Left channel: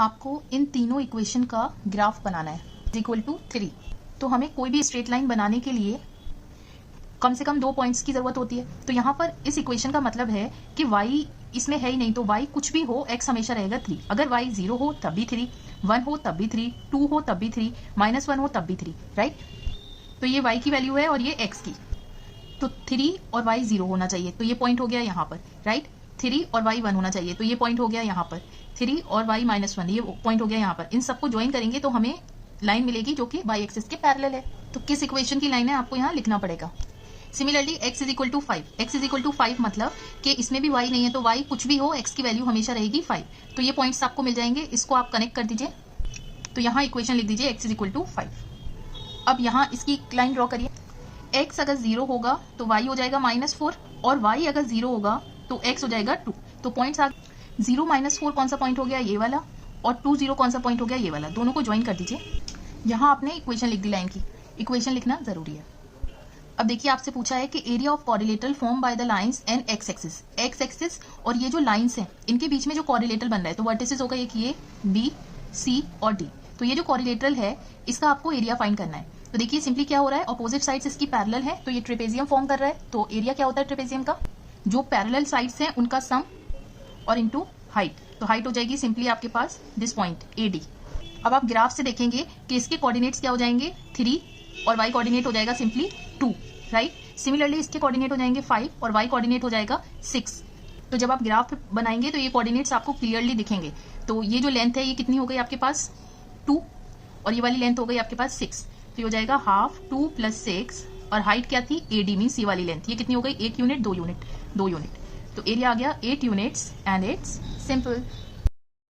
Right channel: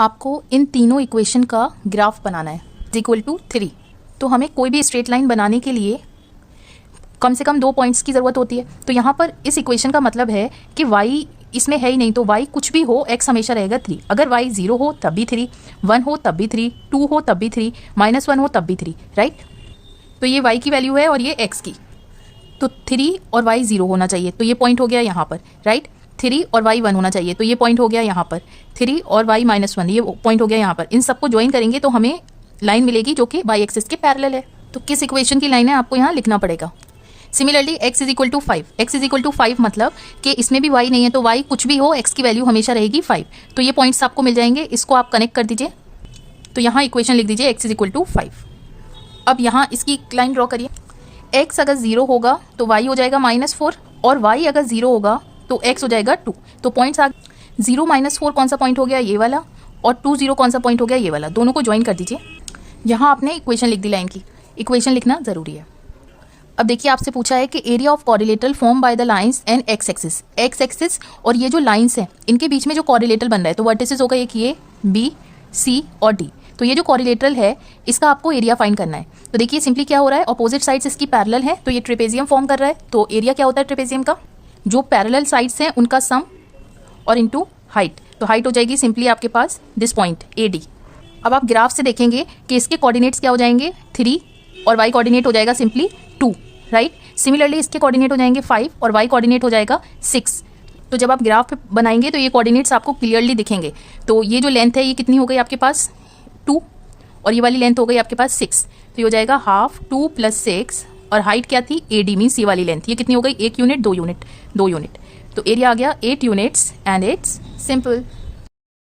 आपको इन तीनों इक्वेशन का ग्राफ बनाना है इक्वल टू 3। तो हमें कोई भी स्ट्रेट लाइन बनाने के लिए कम से कम 2 पॉइंट्स की ज़रूरत होती है। तो यहाँ पर इस इक्वेशन का मतलब है कि y इसमें है ही नहीं, तो y कुछ भी हो x हमेशा रहेगा 3। अगर y 0 हो तब भी 3, 1 हो तब भी 3, 2 हो तब भी 3, -1 हो तब भी 3, राइट। तो ये y की वैल्यू है और ये x की। तो 3 और y 0 होना चाहिए, तो ये पॉइंट हो गया यहाँ पर, राइट। 3 और y 1 होना चाहिए, तो ये पॉइंट हो गया यहाँ पर। 3 और y -1 ये पॉइंट हो गया यहाँ पर। इन सबको ज्वाइन करेंगे तो हमें लाइन मिलेगी जो कि y एक्सिस के पैरेलल है। तो किस इक्वेशन की लाइन है आपको यहाँ लिखना पड़ेगा। Similarly x is equal to 5, x is equal to 5 मतलब कि इसमें भी y नहीं है, तो y कुछ भी हो x की वैल्यू हमेशा रहेगी 5। तो ये पॉइंट्स आपको मिल जाएंगे, इसको आप कनेक्ट कर दीजिए। तो यहाँ इक्वेशन लिख दीजिए x इज इक्वल टू 5। अब यहाँ इसकी लाइन ड्रॉ करिए। x अगर 0 होगा तो y हो जाएगा -4 और y अगर 0 होगा तो x हो जाएगा 2। तो पॉइंट्स आ 0 -4 कौन सा पॉइंट हो गया, ये वाला, और 2 0 कौन सा पॉइंट हो गया, ये वाला। दोनों को ज्वाइन कर दीजिए। यहाँ आपने इक्वेशन लिख दी लाइन की, इक्वेशन लिखना ज़रूरी है। अब देखिए आपसे पूछा है कि area of quadrilateral form by the lines and x axis और ये जो लाइंस हैं इनके बीच में जो कोरिलेटरल बन रहा है, तो वर्टिसेस होगा एक ये बी, सी और डी। तो ये जो कोरिलेटरल है इसका आपको एरिया फाइंड करना है। तो देखिए सिंपली क्या हो रहा है, अपोजिट साइड्स इसकी पैरेलल है, तो ये ट्रेपेजियम फॉर्म कर रहा है। तो एरिया क्या होता है ट्रेपेजियम का, जो पैरेलल साइड्स हैं उनका सम और इनटू हाइट। तो हाइट हो जाएगी सिंपली आपके पास दिस पॉइंट AD। अब आप ग्राफ से देखेंगे कि इसके कोऑर्डिनेट्स क्या हो जाएंगे 3 और y कोऑर्डिनेट हो जाएगा सिंपली 2, राइट। सिमिलरली इसके कोऑर्डिनेट हो जाएंगे 5 और y कोऑर्डिनेट हो जाएगा 6। तो जब आप ग्राफ पे बनाएंगे तो ये कोऑर्डिनेट्स आपको क्लियरली दिखेंगे। तो ये जो लेंथ है ये कितनी हो गई आपके पास 2 और ये वाली लेंथ हो गई आपके पास 6। तो ये हो जाएगा हाफ 2 + 6 और हाइट क्या थी AD मीन्स ये वाली लेंथ, ये कितनी हो गई 1 यूनिट 2 यूनिट 2 यूनिट। तो एरिया आ गया 8 यूनिट्स एंड इट्स सिंपल।